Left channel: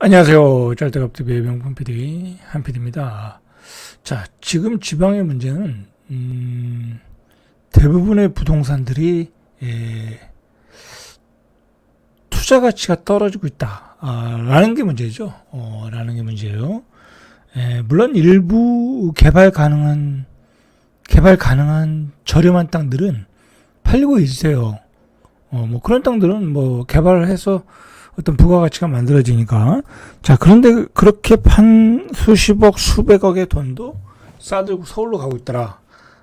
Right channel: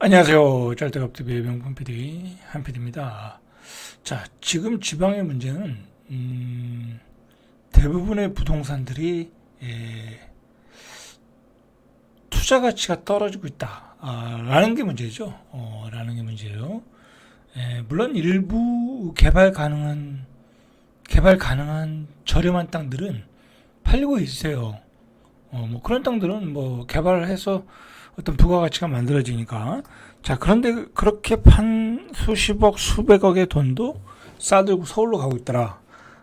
안녕하세요. 짤떡업TV의 명품 PD 한 PD입니다. 자, 지금 지방의 문제는 대부분의 부동산들이 투자 가치가 떨어지고 있다. 라는 게 문제죠. 라는 게 문제예요. 물론 일부 개발 가능한 저렴한 땅들은 팔리고 있어요. 뭐 그런 땅들은 뭐 개발을 해서 어떤 부가가치가 만들어지니까. 자, 그런데 그렇게 판 수십억, 수백억의 돈도 싸들고 서울로 가고 있더라.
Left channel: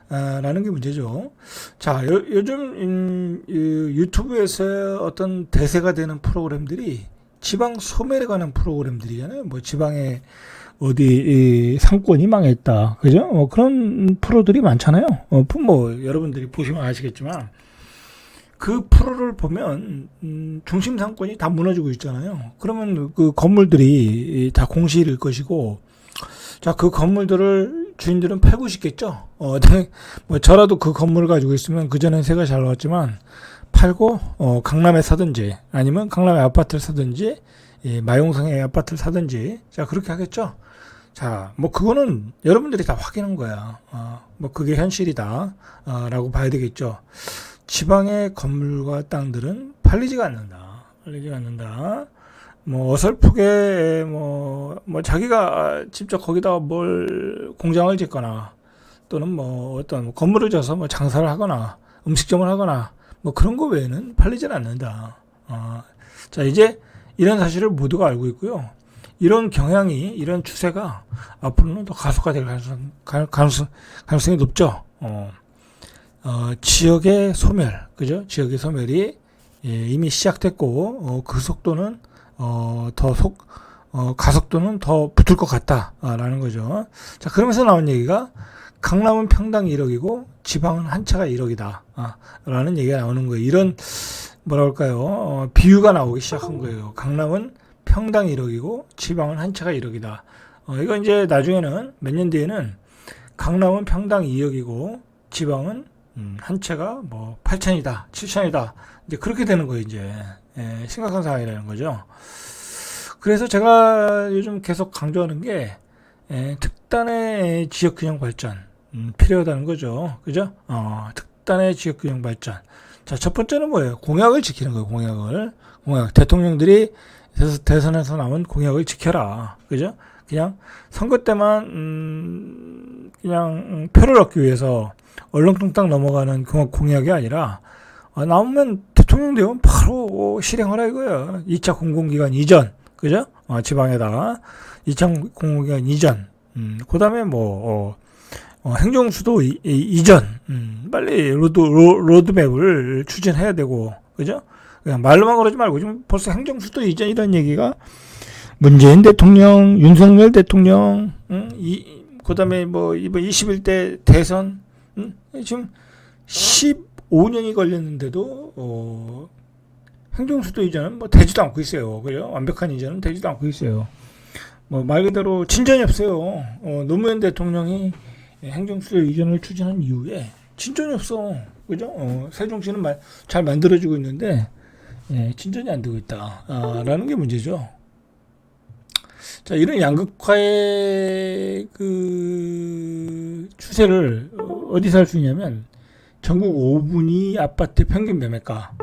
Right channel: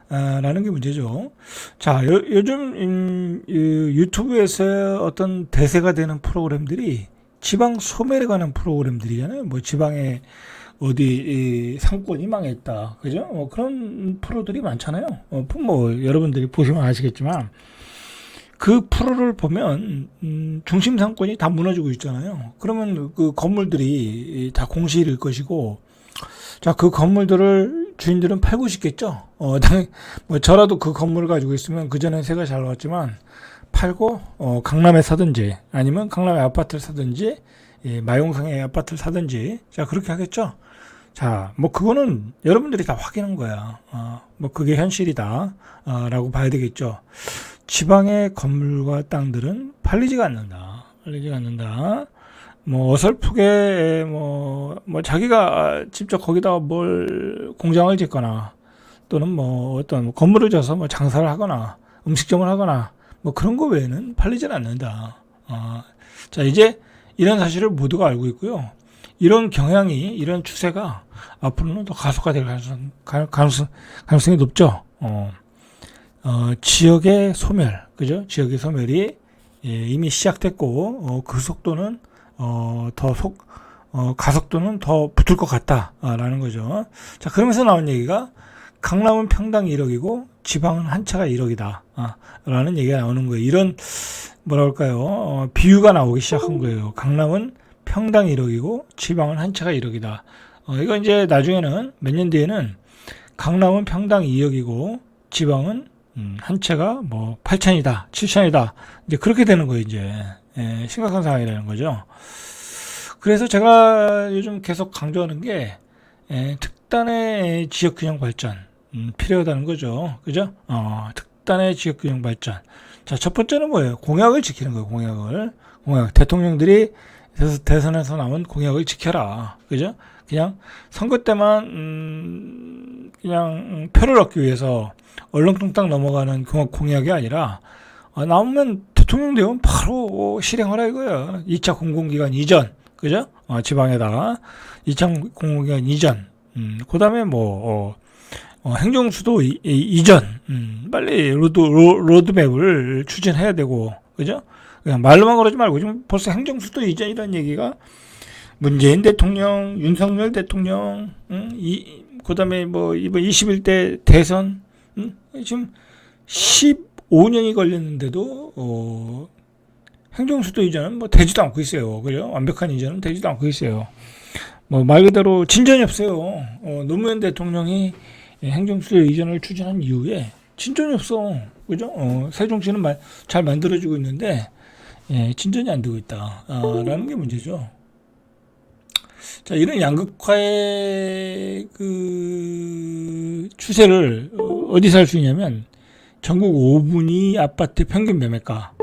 라는 게 문제죠. 자, 요즘 유튜브에서 어떤 대세가 되는 프로그램들이 지방 소멸에 관한 프로그램들이잖아요. 뭐 지방에 어디 상권이 망했다, 그죠? 그런 프로들이 많잖아요. 뭐 여러분들이 보시면 아시겠지만 그 프로를 보면 중심 상권이 다 무너지고 있잖아요. 그러면 그 건물들이 다 공실일 것이고, 자, 그 건물들을 주인들은 팔고 싶겠죠. 뭐 저라도 그 건물을 가지고 있으면 그 전에 새가 잘 나왔지만 팔고 강남에 사든지 아니면 강남에 아파트를 사든지 마용성에 아파트를 사든지, 자, 그렇게 하겠죠. 자, 뭐 그거는 여러분들이 다 확인한 거야. 뭐 그게 현실이다 라고 봐야 되겠죠. 지방의 건물과 땅들은 팔리지가 않는다. 팔리지가 않는다. 뭐 어설프게 뭐 자기가 직접 거기다 뭘 공장을 짓거나 또는 뭐 어떤 건물을 져서 뭐 장사를 하거나 음식점을 하거나 뭐 그런 거 외에는 팔리지는 않는다. 자, 이제 이런 사실을 모두가 알고 있고요. 이런 경향이, 이런 추세가 앞으로는 더 가속화될 가능성이 높죠. 지역의 소멸, 그죠? 지역의 소멸이 이미 시작됐고, 그 속도는 가속도는 더 붙을 것 같다라는 거죠. 자, 그러면서 나온 얘기가 강남은 평당 1억이고 지방은 한 차가 1억이다. 라는 얘기가 나오는 거예요. 이런 뭐랄까요? 비유가 나오기 시작한 거예요. 강남은 평당 1억이고 지방은 한 차가 1억이다. 이거 이제 나중에는 몇 년 뒤에는 강남은 평당 2억이고 지방은 한 채가 뭐 8천이다, 7천이다. 이제 그렇게 되는 거예요, 이제. 심각한 상황이라는 거죠. 그래서 제가 요즘 계속 강조하는 게, 특단의 지역균형 발전, 필요하다는 거죠. 그죠? 특단의 지역균형 발전. 자, 첫 번째는 뭐예요? 공약을 지키는 거예요, 공약. 대통령들이 대선에서 나온 공약을 지켜라. 그죠? 그냥 선거 때만, 그냥 표를 얻기 위해서 얼렁뚱땅 넘어가는 공약이 아니라, 나오면 대통령 되면 바로 실행하라 이거야. 2차 공공기관 이전, 그죠? 지방에다가 2차 공공기관 이전, 그 다음에 행정수도 이전, 빨리 로드맵을 추진해야 되고, 그죠? 그냥 말로만 그러지 말고, 지금 벌써 행정수도 이전 이런 얘기가 문재인 대통령, 윤석열 대통령, 그 다음에 이번 21대 대선, 지금 15년이 걸렸는데도 행정수도 이전은 되지도 않고 있어요. 그죠? 완벽한 이전은 되지도 않고 있어요. 말 그대로 진전이 없어요. 노무현 대통령이 행정수도 이전을 추진한 이후에 진전이 없어. 그죠? 세종시는 잘 만들어지고 있는데 진전이 안 되고 있다. 라는 게 문제죠. 자, 이런 양극화의 그 추세를 어디서 할 수 있냐면 전국 5분위 아파트 평균 매매가,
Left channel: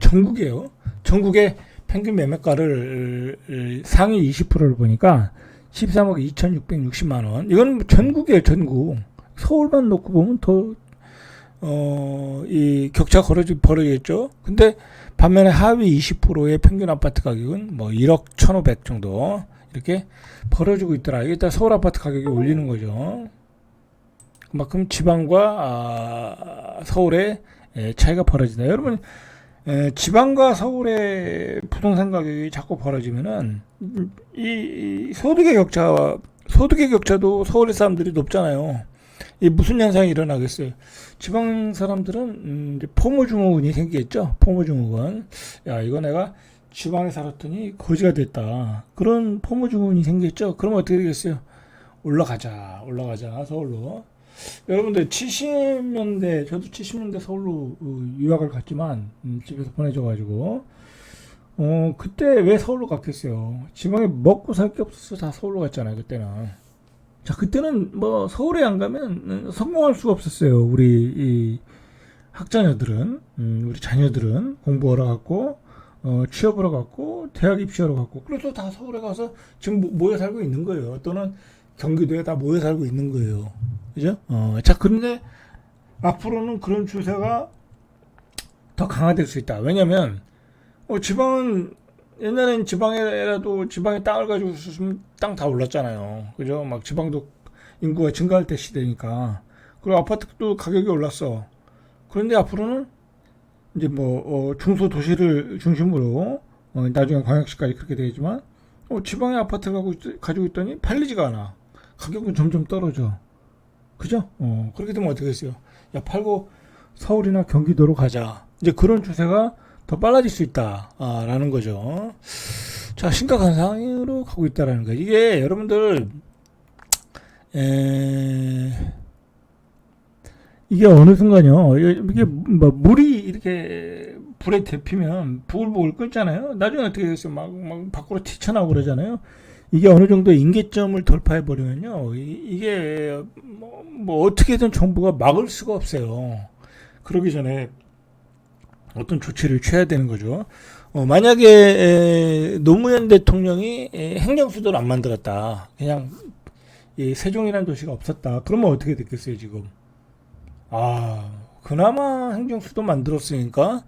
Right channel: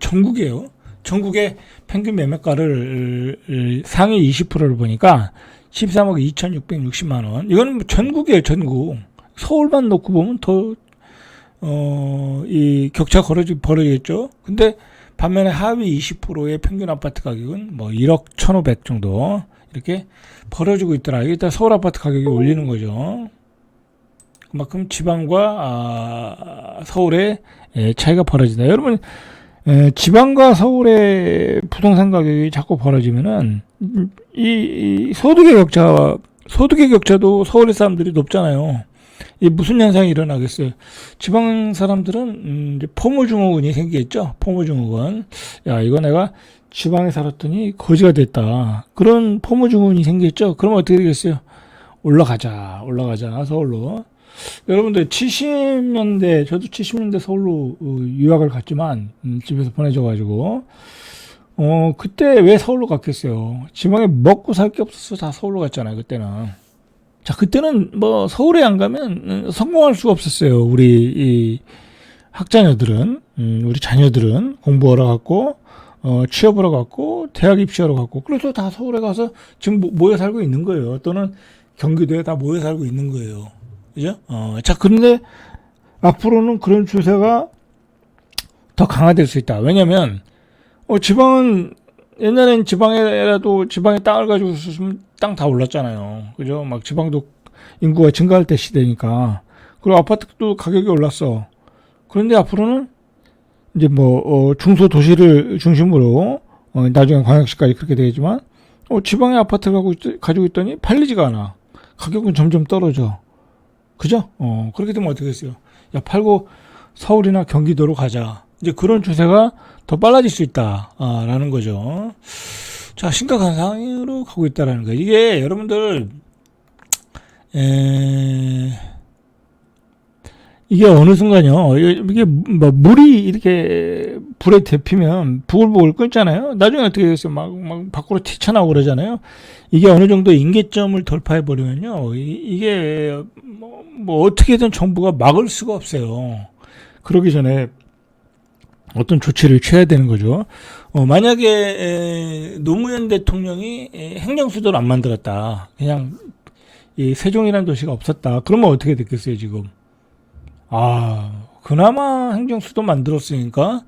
전국이에요. 전국의 평균 매매가를 상위 20%를 보니까 13억 2,660만 원. 이거는 전국이에요, 전국. 서울만 놓고 보면 이 격차 벌어지겠죠. 근데 반면에 하위 20%의 평균 아파트 가격은 1억 1,500 정도 이렇게 벌어지고 있더라. 이게 다 서울 아파트 가격이 올리는 거죠. 그만큼 지방과 서울의 차이가 벌어진다. 여러분, 지방과 서울의 부동산 가격이 자꾸 벌어지면은 이 소득의 격차도 서울의 사람들이 높잖아요. 이 무슨 현상이 일어나겠어요? 지방 사람들은 이제 포모증후군이 생기겠죠. 포모증후군. 야, 이거 내가 지방에 살았더니 거지가 됐다. 그런 포모증후군이 생기겠죠. 그러면 어떻게 되겠어요? 올라가자 서울로. 여러분들 70년대, 저도 70년대 서울로 유학을 갔지만 집에서 보내줘가지고 그때 왜 서울로 갔겠어요? 지방에 먹고 살 게 없어서 다 서울로 갔잖아요, 그때는. 자, 그때는 뭐 서울에 안 가면 성공할 수가 없었어요. 우리 이 학자녀들은, 우리 자녀들은 공부하러 갔고, 취업하러 갔고, 대학 입시하러 갔고, 그래서 다 서울에 가서 지금 모여 살고 있는 거예요. 또는 경기도에 다 모여 살고 있는 거예요. 그죠? 자, 그런데 앞으로는 그런 추세가 더 강화될 수 있다. 왜냐면, 지방은, 옛날엔 지방에라도 지방에 땅을 가지고 있었으면 땅 다 올랐잖아요. 그죠? 막 지방도 인구가 증가할 때 시대니까. 그리고 아파트도 가격이 올랐어. 그런데 앞으로는 이제 뭐, 중소도시를 중심으로, 나중에 광역시까지 그렇게 되겠지만, 지방에 아파트를 가지고 있더니 팔리지가 않아. 가격은 점점 떨어져. 그죠? 그렇게 되면 어떻게 됐어요? 야, 팔고 서울이나 경기도로 가자. 이제 그런 추세가 더 빨라질 수 있다. 라는 거죠. 자, 심각한 상황으로 가고 있다라는 거예요. 이게 여러분들, 이게 어느 순간요, 이게 뭐 물이 이렇게 불에 데피면 부글부글 끓잖아요. 나중에 어떻게 되겠어요? 막 밖으로 튀쳐나오고 그러잖아요. 이게 어느 정도 임계점을 돌파해 버리면요, 이게 뭐 어떻게든 정부가 막을 수가 없어요. 그러기 전에 어떤 조치를 취해야 되는 거죠. 만약에 노무현 대통령이 행정수도를 안 만들었다, 그냥 이 세종이라는 도시가 없었다, 그러면 어떻게 됐겠어요, 지금? 그나마 행정수도 만들었으니까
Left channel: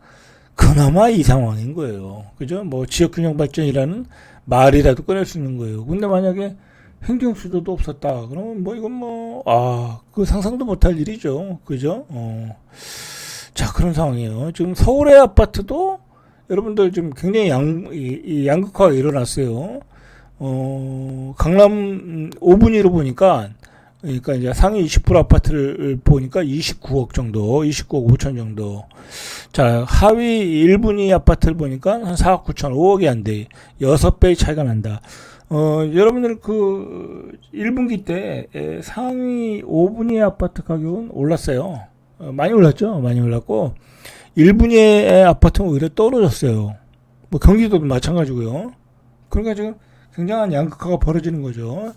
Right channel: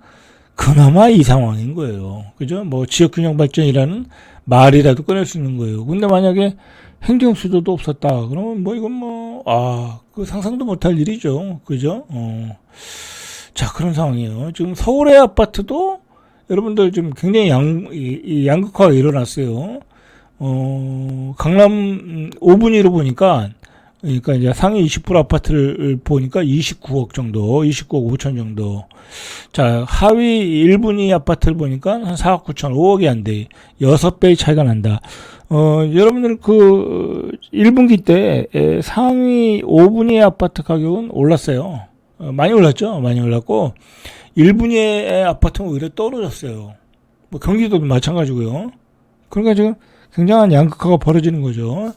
그나마 이 상황인 거예요. 그죠? 뭐 지역균형 발전이라는 말이라도 꺼낼 수 있는 거예요. 근데 만약에 행정수도도 없었다, 그러면 뭐 이건 뭐, 그 상상도 못할 일이죠. 그죠? 자, 그런 상황이에요. 지금 서울의 아파트도 여러분들 지금 굉장히 이 양극화가 일어났어요. 강남 5분위로 보니까, 그러니까 이제 상위 20% 아파트를 보니까 29억 정도, 29억 5천 정도. 자, 하위 1분위 아파트를 보니까 한 4억 9천, 5억이 안 돼. 6배의 차이가 난다. 여러분들 그 1분기 때 상위 5분위 아파트 가격은 올랐어요. 많이 올랐죠? 많이 올랐고, 1분위의 아파트는 오히려 떨어졌어요. 뭐 경기도도 마찬가지고요. 그러니까 지금 굉장한 양극화가 벌어지는 거죠.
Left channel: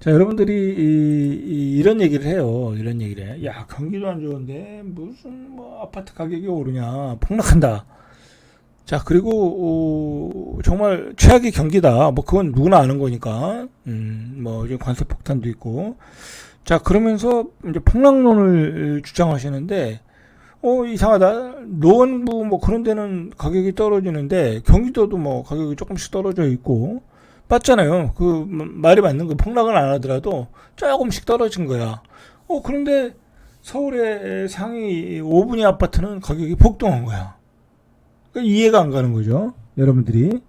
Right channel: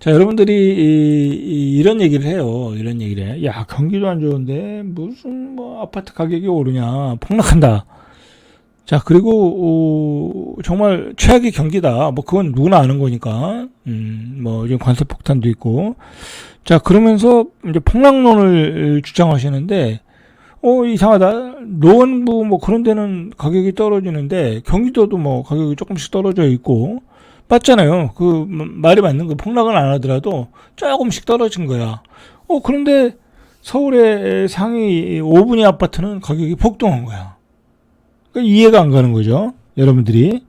자, 여러분들이 이런 얘기를 해요. 이런 얘기를 해. 야, 경기도 안 좋은데 무슨 뭐 아파트 가격이 오르냐, 폭락한다. 자, 그리고 정말 최악의 경기다. 뭐 그건 누구나 아는 거니까. 뭐 지금 관세 폭탄도 있고. 자, 그러면서 이제 폭락론을 주장하시는데, 이상하다. 노원구 뭐 그런 데는 가격이 떨어지는데 경기도도 뭐 가격이 조금씩 떨어져 있고, 맞잖아요. 그 말이 맞는 거. 폭락은 안 하더라도 조금씩 떨어진 거야. 그런데 서울의 상위 5분위 아파트는 가격이 폭등한 거야. 그러니까 이해가 안 가는 거죠, 여러분들이.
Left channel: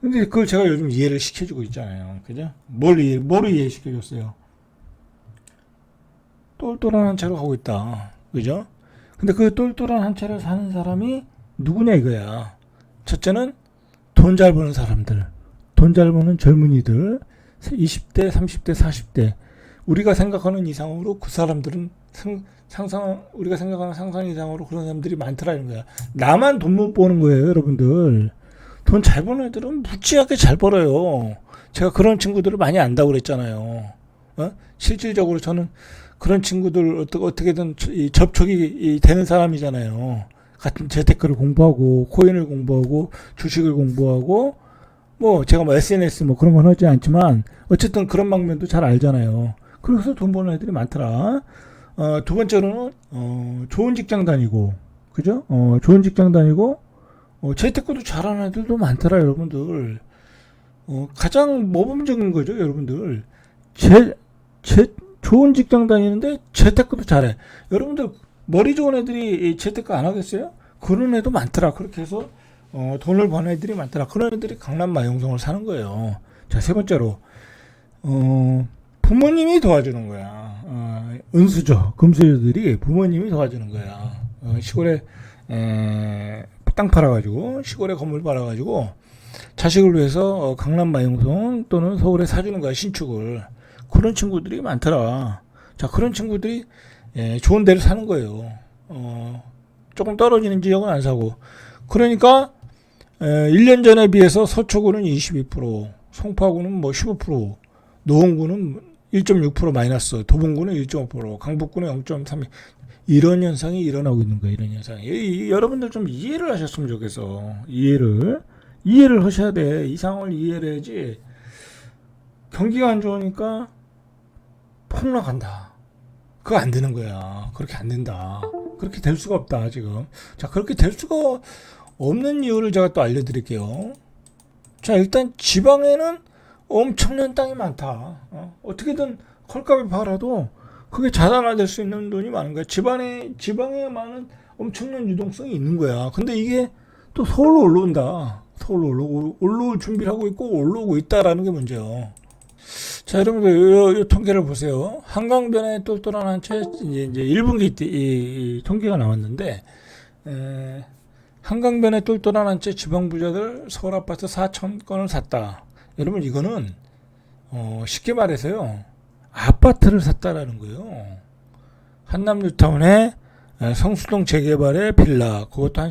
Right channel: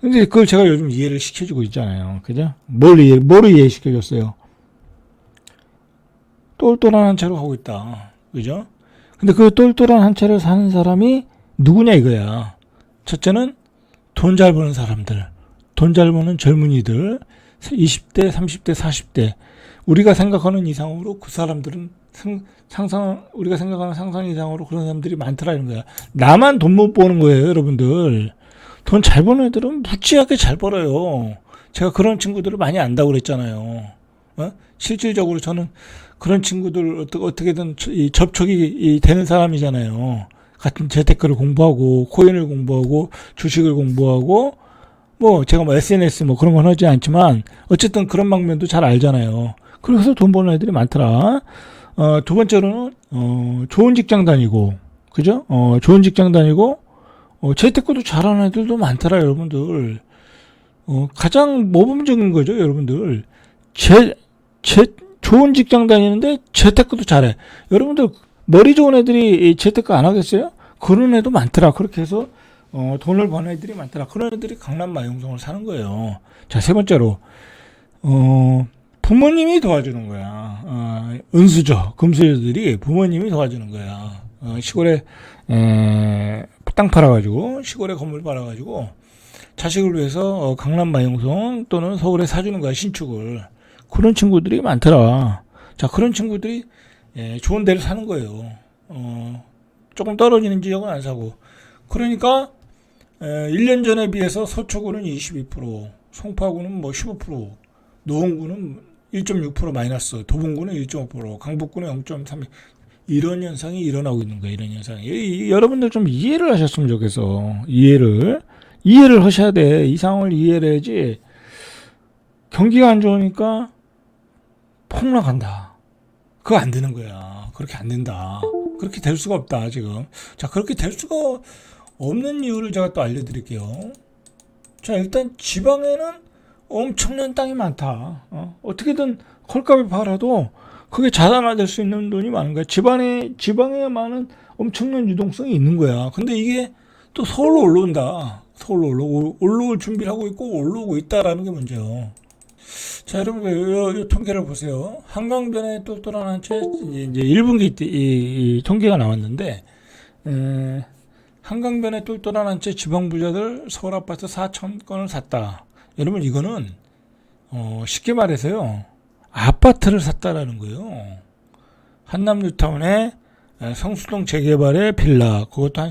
근데 그걸 제가 요즘 이해를 시켜주고 있잖아요. 그죠? 뭐를 이해시켜줬어요? 똘똘한 한 채로 하고 있다. 그죠? 근데 그 똘똘한 한 채를 사는 사람이 누구냐 이거야. 첫째는 돈 잘 버는 사람들. 돈 잘 버는 젊은이들. 20대, 30대, 40대. 우리가 생각하는 이상으로 그 사람들은 우리가 생각하는 상상 이상으로 그런 사람들이 많더라는 거야. 나만 돈 못 버는 거예요, 여러분들. 돈 잘 버는 애들은 무지하게 잘 벌어요. 제가 그런 친구들을 많이 안다고 그랬잖아요. 실질적으로 저는 그런 친구들 어떻게든 접촉이 되는 사람이잖아요. 같은 재테크를 공부하고, 코인을 공부하고, 주식을 공부하고, 뭐 제가 뭐 SNS 뭐 그런 건 하지 않지만 어쨌든 그런 방면도 잘 알잖아요. 그래서 돈 버는 애들이 많더라. 두 번째로는 좋은 직장 다니고, 그죠? 좋은 직장 다니고, 재테크도 잘하는 애들도 많더라, 여러분들. 가장 모범적인 거죠, 여러분들. 좋은 직장 다니는데 재테크도 잘해. 여러분들 머리 좋은 애들이 재테크 안 하겠어요? 그런 애도 많더라. 그렇게 해서 돈을 버는 애들이 많더라. 그런 애들이 강남 마용성을 사는 거예요. 자, 세 번째로 부모님이 도와주는 거야. 은수저, 금수저들이 부모님이 도와주는 거야. 시골에 땅 팔아가지고, 시골에 건물 팔아가지고 자식을 위해서 강남 마용성 또는 서울에 사주는 거야, 신축을. 그런 친구들이 많더라. 자, 그런 친구들이 좋은 데를 사는 거예요. 조금 떨어지는 지역은 안 사고. 그러니까 1년 전에 비해서 서초구는 22%, 송파구는 뭐 15%, 노원구는 1.6% 마이너스, 도봉구는 1.5%, 강북구는 0.3%. 이런 현상이 일어나고 있는 거예요. 이런 현상이. 여러분들 좀 이해를 하셨으면 좋겠어. 이해를 하셔야 돼. 이 상황을 이해를 해야지. 경기가 안 좋으니까 폭락한다. 그거 안 되는 거야. 그렇게 안 된다. 그렇게 될 수가 없다, 지금. 자, 그렇게 될 수가 없는 이유를 제가 또 알려드릴게요. 자, 일단 지방에는 엄청난 땅이 많다. 어떻게든 헐값에 팔아도 그게 자산화될 수 있는 돈이 많은 거야. 지방에 많은 엄청난 유동성이 있는 거야. 근데 이게 또 서울로 올라온다. 서울로 올라올 준비를 하고 있고 올라오고 있다라는 게 문제예요. 자, 여러분들 이 통계를 보세요. 한강변에 똘똘한 한 채 이제 1분기 때 이 통계가 나왔는데 한강변에 똘똘한 한 채 지방 부자들 서울 아파트 4,000건을 샀다. 여러분 이거는 쉽게 말해서요. 아파트를 샀다라는 거예요. 한남 뉴타운에 성수동 재개발의 빌라 그것도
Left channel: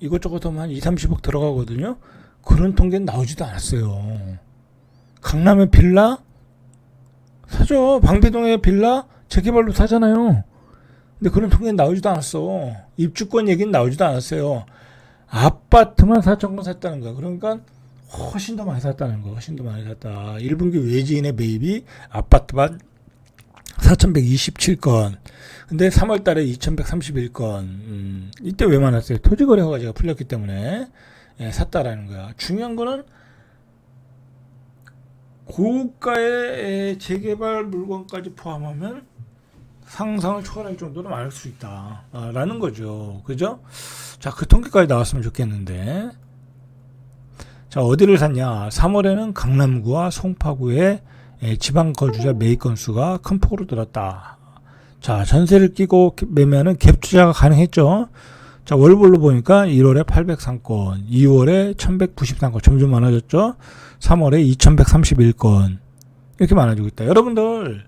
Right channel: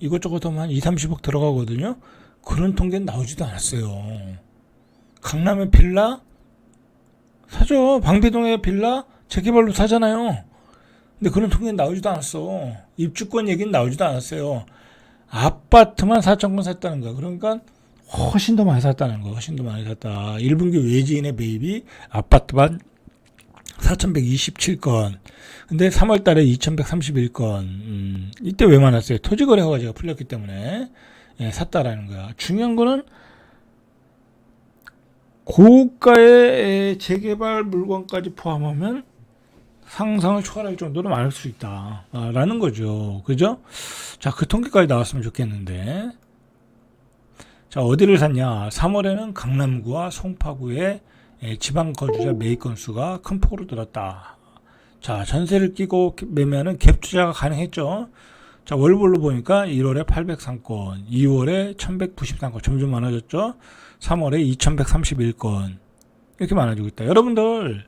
이것저것 한 2, 30억 들어가거든요. 그런 통계는 나오지도 않았어요. 강남의 빌라 사죠. 방배동의 빌라 재개발로 사잖아요. 근데 그런 통계는 나오지도 않았어. 입주권 얘기는 나오지도 않았어요. 아파트만 4,000건 샀다는 거야. 그러니까 훨씬 더 많이 샀다는 거야. 훨씬 더 많이 샀다. 1분기 외지인의 매입이 아파트만 4,127건. 근데 3월 달에 2,131건. 이때 왜 많았어요? 토지거래 허가제가 풀렸기 때문에 샀다라는 거야. 중요한 거는 고가의 재개발 물건까지 포함하면 상상을 초월할 정도로 많을 수 있다라는 거죠. 그죠? 자, 그 통계까지 나왔으면 좋겠는데. 자, 어디를 샀냐? 3월에는 강남구와 송파구의 지방 거주자 매입 건수가 큰 폭으로 늘었다. 자, 전세를 끼고 매매하는 갭 투자가 가능했죠. 자, 월별로 보니까 1월에 803건, 2월에 1193건, 점점 많아졌죠. 3월에 2131건. 이렇게 많아지고 있다. 여러분들,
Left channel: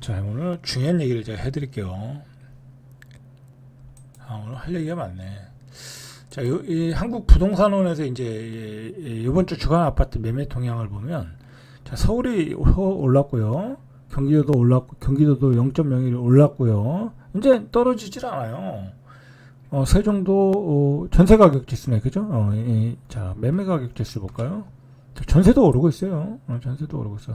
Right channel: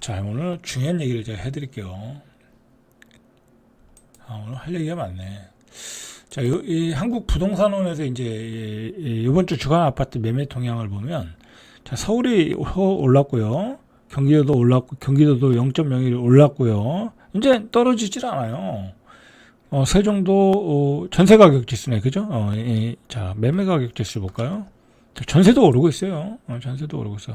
자, 오늘 중요한 얘기를 제가 해드릴게요. 오늘 할 얘기가 많네. 자, 이 한국 부동산원에서 이제 이번 주 주간 아파트 매매 동향을 보면, 자, 서울이 올랐고요. 경기도도 올랐고, 경기도도 0.01 올랐고요. 이제 떨어지질 않아요. 세종도 전세 가격 지수네, 그죠? 자, 매매 가격 지수 볼까요? 자, 전세도 오르고 있어요. 전세도 오르고 있어.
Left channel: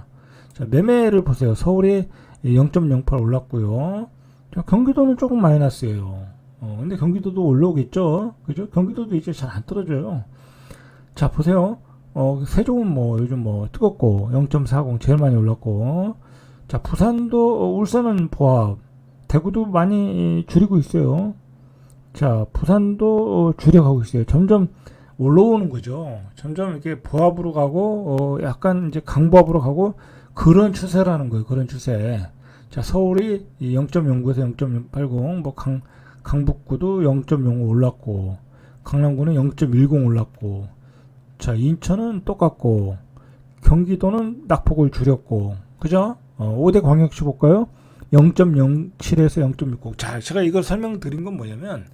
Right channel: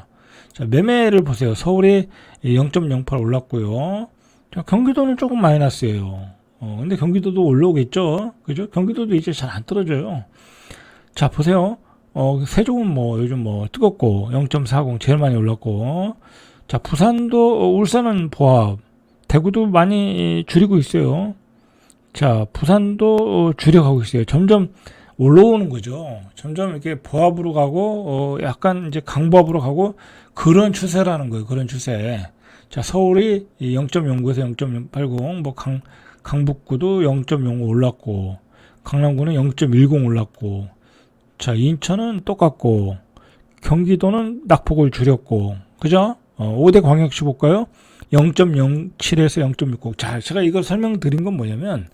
자, 매매를 보세요. 서울이 0.08 올랐고요. 자, 경기도는 조금 마이너스예요. 근데 경기도도 올라오겠죠, 그죠? 경기도도 이제 잘 안 떨어져요. 자, 보세요. 세종은 뭐 요즘 뭐 뜨겁고 0.40 제일 많이 올랐고, 자, 부산도 울산은 보합, 대구도 많이 줄이고 있어요. 자, 부산도 줄여가고 있어요. 점점 올라오는 거죠. 점점 이렇게 보합으로 가고, 약간 이제 강보합으로 가고, 그런 추세라는 거예요. 그런 추세. 자, 서울이 0.09에서 0.80, 뭐 강북구도 0.05 올랐고, 강남구는 0.10 올랐고, 자, 인천은 똑같고, 경기도는 낙폭을 줄였고, 그죠? 5대 광역시 볼까요? 0.07에서 0.60. 자, 제가 이걸 설명드린 건 뭐냐면,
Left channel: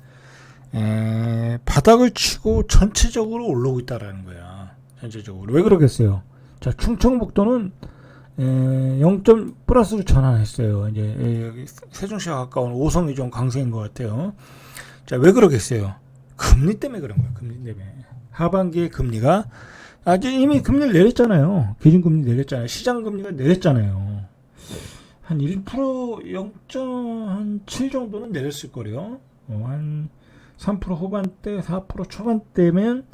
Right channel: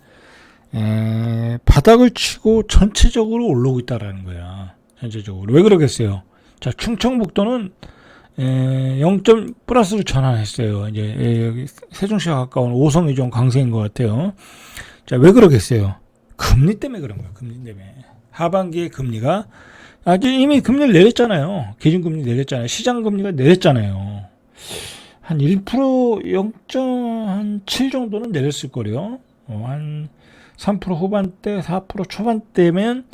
바닥을 치고 전체적으로 올라오고 있다라는 거야. 전체적으로. 왜 그러겠어요? 자, 충청북도는 0. 플러스로 전환했어요. 이제 여기 세종시가 가까운 오송이 좀 강세인 것 같아요. 자, 왜 그러겠어요? 금리 때문에 그런 거예요. 금리 때문에. 하반기에 금리가 이미 금리를 내렸잖아요. 기준금리 내렸잖아요. 시장금리가 내렸잖아요. 한 1%, 0.7 정도는 내렸을 거래요. 한 3% 후반대, 4% 초반대면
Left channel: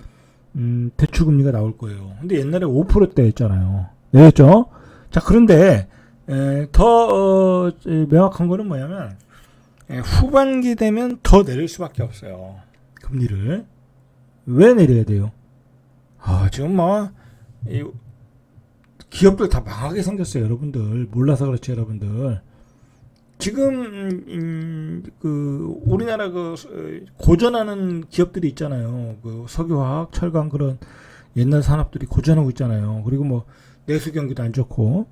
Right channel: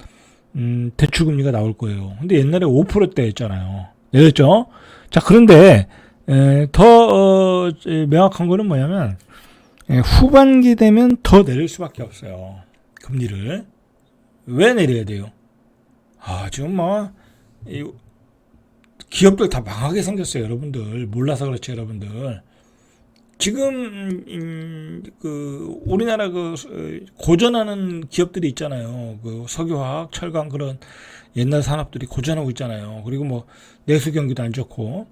대출금리가 나올 거예요. 근데 옛날에 5%대였잖아요. 내렸죠? 자, 그런데 더 명확한 거는 뭐냐면 후반기 되면 더 내릴 수밖에 없어요. 금리를. 왜 내려야 돼요? 지금 뭐 기업들 다 망하게 생겼어요. 여러분들. 몰라서 그렇지, 여러분들. 지금 그 우리나라 그 고전하는 기업들이 있잖아요. 그 석유화학, 철강 그런 옛날 산업들이 고전하고 있잖아요. 그리고 뭐 내수 경기도 안 좋고.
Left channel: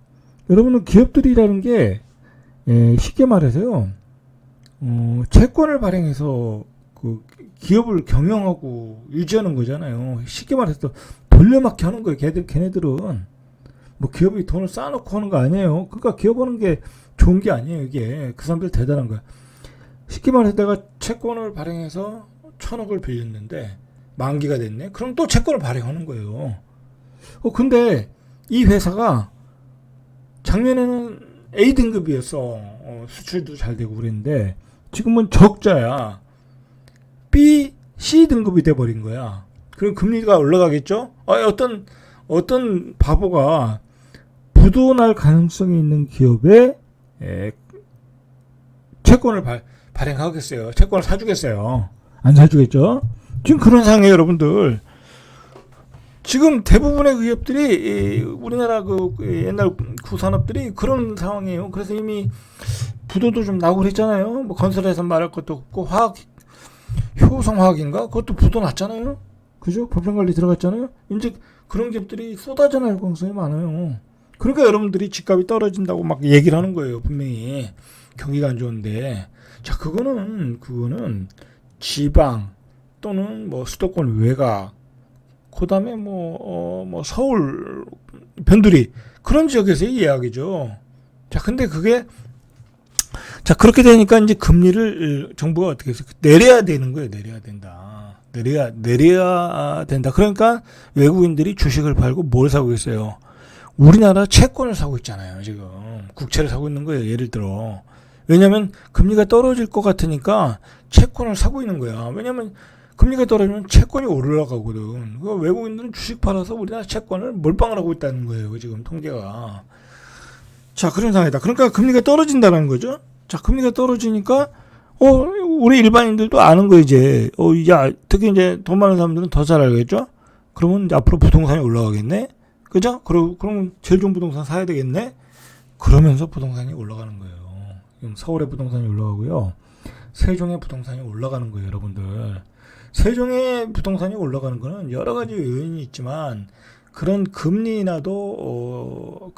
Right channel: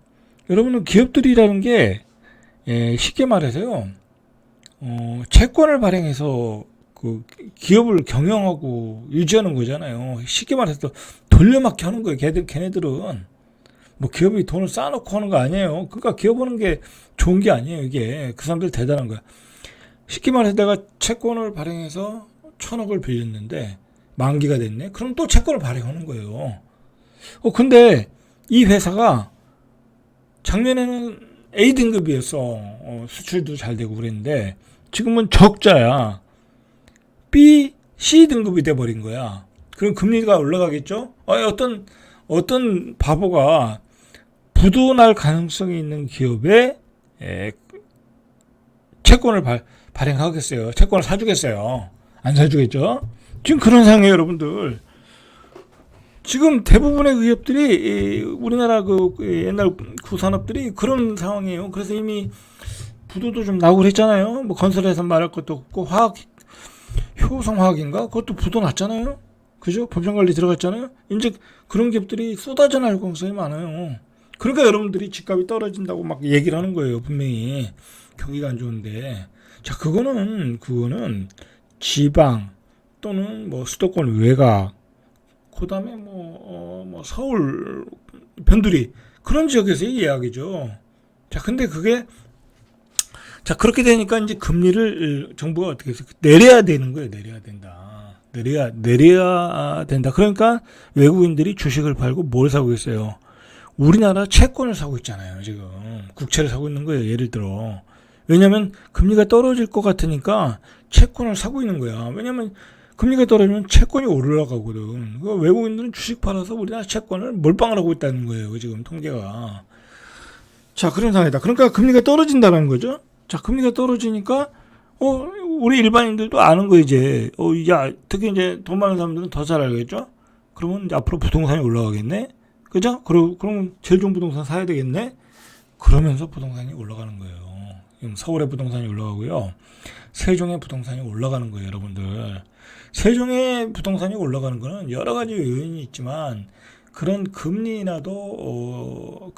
여러분은 기업들이라는 게 쉽게 말해서요. 채권을 발행해서 그 그 기업을 경영하고 유지하는 거잖아요. 쉽게 말해서 돌려막기 하는 거예요. 걔네들은 뭐 기업이 돈을 쌓아놓고 하는 거 아니에요. 그러니까 기업 하는 게 좋은 게 아니에요. 이게 그 사람들 대단한 거야. 쉽게 말해서 내가 채권을 발행해서 1,000억을 빌렸는데 만기가 됐네. 그럼 또 채권을 발행하는 거예요. 근데 이 회사가 작년에는 A 등급이었어. 수출도 잘 되고 그랬는데 지금은 적자야. B, C 등급이 돼버린 거야. 그럼 금리가 올라가겠죠? 어떤 바보가 부도날 가능성이 있는 기업에 채권을 발행하겠어요? 채권을 사주겠어요? 안 사주겠죠? 지금 그런 상황이에요, 여러분들. 지금 대부분의 기업들이 우리나라 그 옛날 구산업들이 그런 상황이에요. 그래서 이미 부도도 좀 나오고 그랬잖아요. 뭐 건설회사 말할 것도 없고 효성화학인가? 그것도 부도 났잖아요. 그죠? 법정관리 들어갔잖아요. 이제 그런 기업들이 쏟아져 나올 가능성이 많아요. 그러니까 여러분들이 집값이 떨어진다고 막 얘기를 하는 거예요. 분명히 경기가 안 좋은데. 자, 그거는 지방 또는 뭐 수도권 외곽, 그다음에 뭐 서울 변두리 그런 지역에서의 이야기죠. 자, 근데 그렇게 되니까 이제 금리를 정부가 어떻게 해서 내려야 되는 거예요. 내려야 된다. 내려야 된다. 그러니까 외국인들이 주식을 팔고 뭘 사고 있어요? 우리나라 채권을 사고 있잖아요. 지금 국채를 사고 있는 거예요. 예를 들어. 왜냐하면 금리가 떨어질 것 같으니까 채권을 사고 있는 거야. 왜냐하면 금리가 떨어지면 채권이 올라가거든. 그러니까 외국인들은 주식 팔아서 우리나라 채권을 몰빵을 하고 있다는 거예요. 지금 통계가. 자, 그런 상황이다. 그러니까 금리가 떨어진다는 거죠. 자, 금리가 떨어지니까 우리 일반인들도 아는 거 이제 특히 이제 돈 많은 사람들은 더 잘 알겠죠. 그러면 이제 앞으로 부동산이 올라가겠네. 그죠? 그럼 제일 좋은 부동산 사야 되겠네. 그러면서 부동산이 올라가는 거예요. 서울의 부동산이 올라가고요. 세종의 부동산이 올라가는 거예요, 여러분들. 세종의 부동산이 올라가는 거는 여러 가지 요인이 있지만 그런 금리 인하도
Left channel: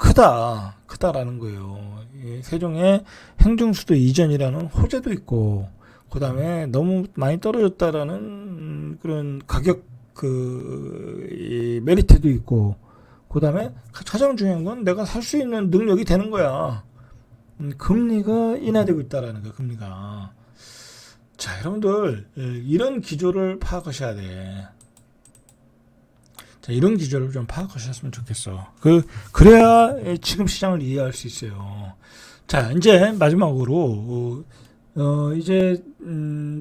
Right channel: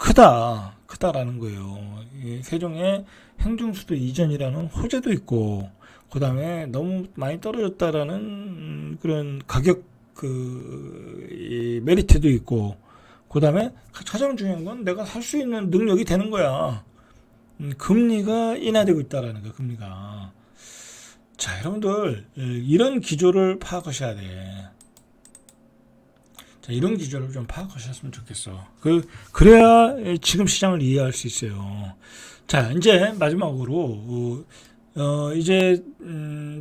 크다라는 거예요. 세종의 행정수도 이전이라는 호재도 있고, 그 다음에 너무 많이 떨어졌다라는 그런 가격 메리트도 있고, 그 다음에 가장 중요한 건 내가 살 수 있는 능력이 되는 거야. 금리가 인하되고 있다라는 거야, 금리가. 자, 여러분들 이런 기조를 파악하셔야 돼. 자, 이런 기조를 좀 파악하셨으면 좋겠어. 그래야 지금 시장을 이해할 수 있어요. 자, 이제 마지막으로 이제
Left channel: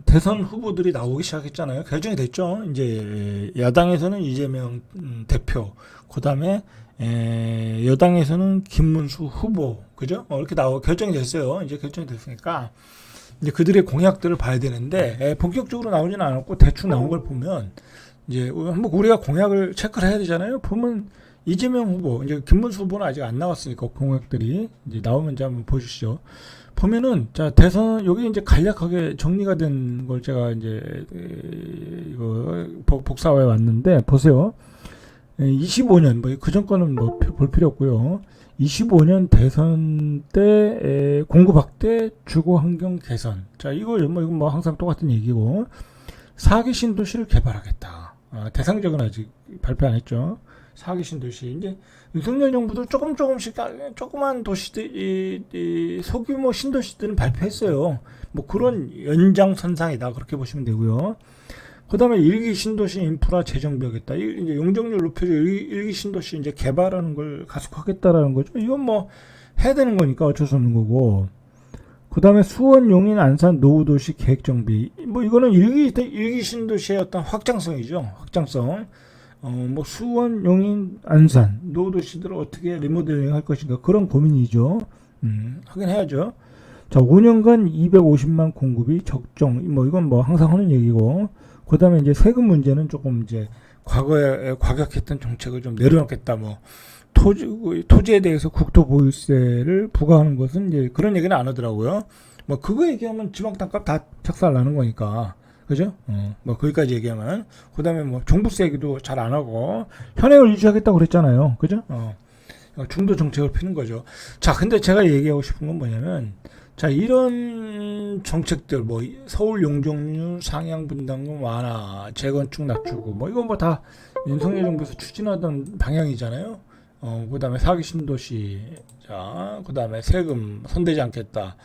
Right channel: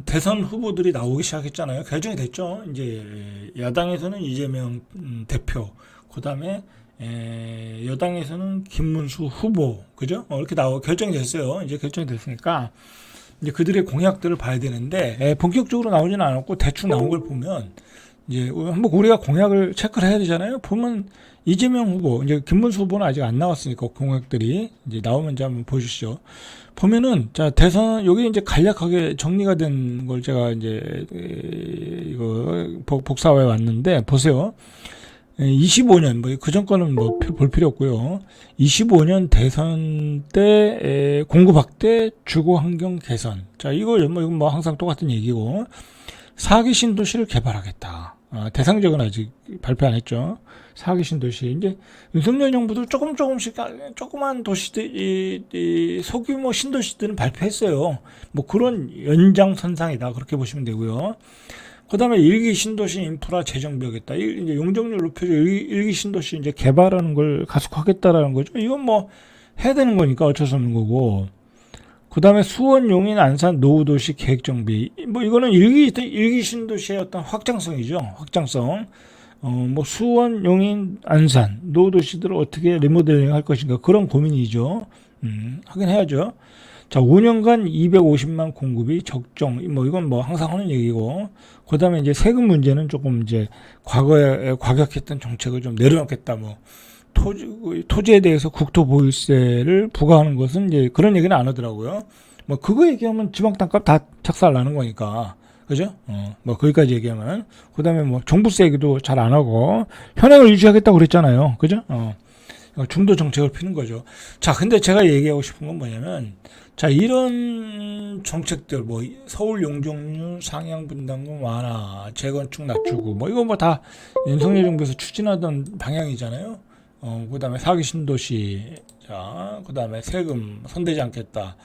대선 후보들이 나오기 시작했잖아요. 결정이 됐죠. 이제 야당에서는 이재명 대표, 그다음에 여당에서는 김문수 후보, 그죠? 이렇게 결정이 됐어요. 이제 결정이 됐으니까 이제 그들의 공약들을 봐야 되는데 본격적으로 나오지는 않았고 대충 나온 걸 보면 이제 한번 우리가 공약을 체크를 해야 되잖아요. 보면 이재명 후보, 이제 김문수 후보는 아직 안 나왔으니까 공약들이 이제 나오면 이제 한번 보시죠. 보면은 자, 대선 여기 이제 간략하게 정리가 된 걸 제가 이제 이거 복사해 왔는데 보세요. 25년 뭐 그 전 거는 뭐 볼 필요 없고요. 25년 대선 때 공급 확대, 주거 환경 개선. 자, 이건 뭐 항상 똑같은 얘기고 4기 신도시를 개발하겠다. 대상적은 아직 발표 안 했죠. 4기 신도시. 이제 윤석열 정부도 조금씩 조그만 도시들, 소규모 신도시들은 발표했어요. 뭐 그런 연장선상이다. 그렇게 보시면 되고요. 그 다음에 1기 신도시 인프라 재정비하겠다. 이제 용적률 높여서 1기 신도시 이제 개발하는 걸 가속하겠다라는 거죠. 이건 뭐 해야 되는 거니까 어쩔 수 없는 거고. 그 다음에 수원, 용인, 안산, 노후도시 계획정비. 뭐 이거는 1기 신도시의 어떤 확장성이죠. 확장성. 뭐 수원, 용인, 안산, 노후도시들을 어떻게 리모델링 할 것인가. 그런 고민이죠. 하긴 해야죠. 자, 5년간 250만 공급이 적정. 뭐 이건 뭐 항상 하는 얘기고. 그 다음에 이제 세금 문제는 조금 이제 과거에 과격했던 정책을 좀 내려놓겠다. 뭐 토지에 대해서 국토보유세를 부과하는 것은 이제 그런 얘기는 안 하더라고요. 뭐 그거 얘기하면 지방 땅값 다 착살 나는 거니까. 그죠? 뭐 거기까지 얘기하면. 그 다음에 뭐 종부세 얘기도 잘 안 하고 현행을 유지하겠다고 그랬잖아요. 그죠? 중도 정책을 피는 거죠. 자, 근데 제가 얘기하고 싶은 건 뭐냐면 자, 이런 정책들, 뭐, 서울 용적률 상향 분담금 완화, 재건축 낮추고, 뭐, 이거 뭐 다 윤석열 정부에서 추진하던 방향이잖아요. 그 다음에 사기 신도시, 자, 그 다음에 세금 손대지 않겠다.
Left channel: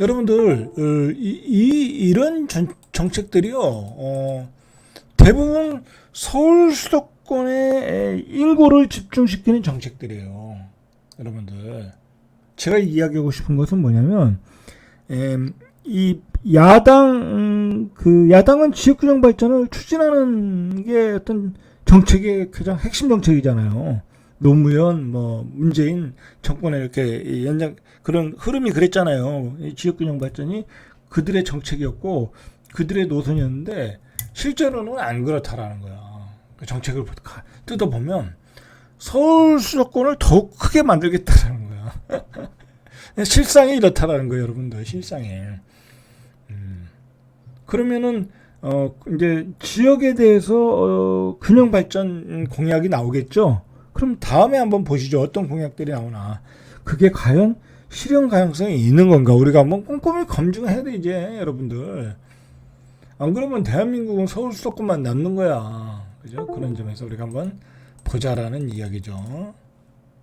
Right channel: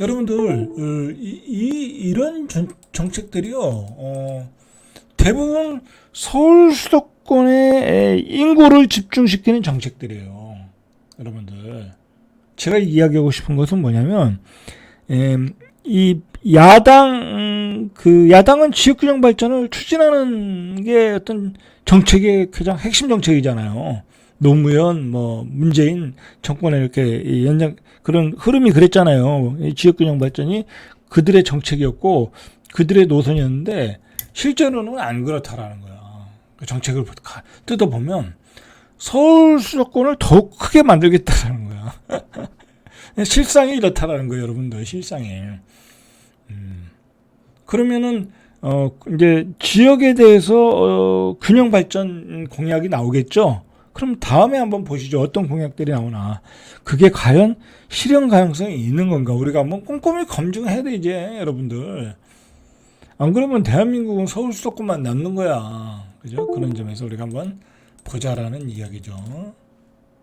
여러분들, 이런 정책들이요, 대부분 서울 수도권의 인구를 집중시키는 정책들이에요. 여러분들. 제가 이야기하고 싶은 것은 뭐냐면, 이 야당은 지역균형 발전을 추진하는 게 어떤 정책의 가장 핵심 정책이잖아요. 노무현, 뭐, 문재인 정권에 이렇게 그런 흐름이 그랬잖아요. 이 지역균형 발전이 그들의 정책이었고, 그들의 노선이었는데, 실제로는 안 그렇다라는 거야. 그 정책을 뜯어보면, 서울 수도권을 더욱 크게 만들겠다라는 거야. 실상이 이렇다라는 거예요, 여러분들. 실상이. 그러면은 이제 지역에 대해서 균형 발전 공약이 나오겠죠. 그럼 다음에 한번 보시죠. 어떤 공약들이 나오나. 그게 과연 실현 가능성이 있는 건가? 우리가 한번 꼼꼼히 검증해야 돼, 이제 여러분들. 안 그러면 대한민국은 서울 수도권만 남는 거야. 그죠? 그런 점에서 우리가 한번 보자라는 이야기죠.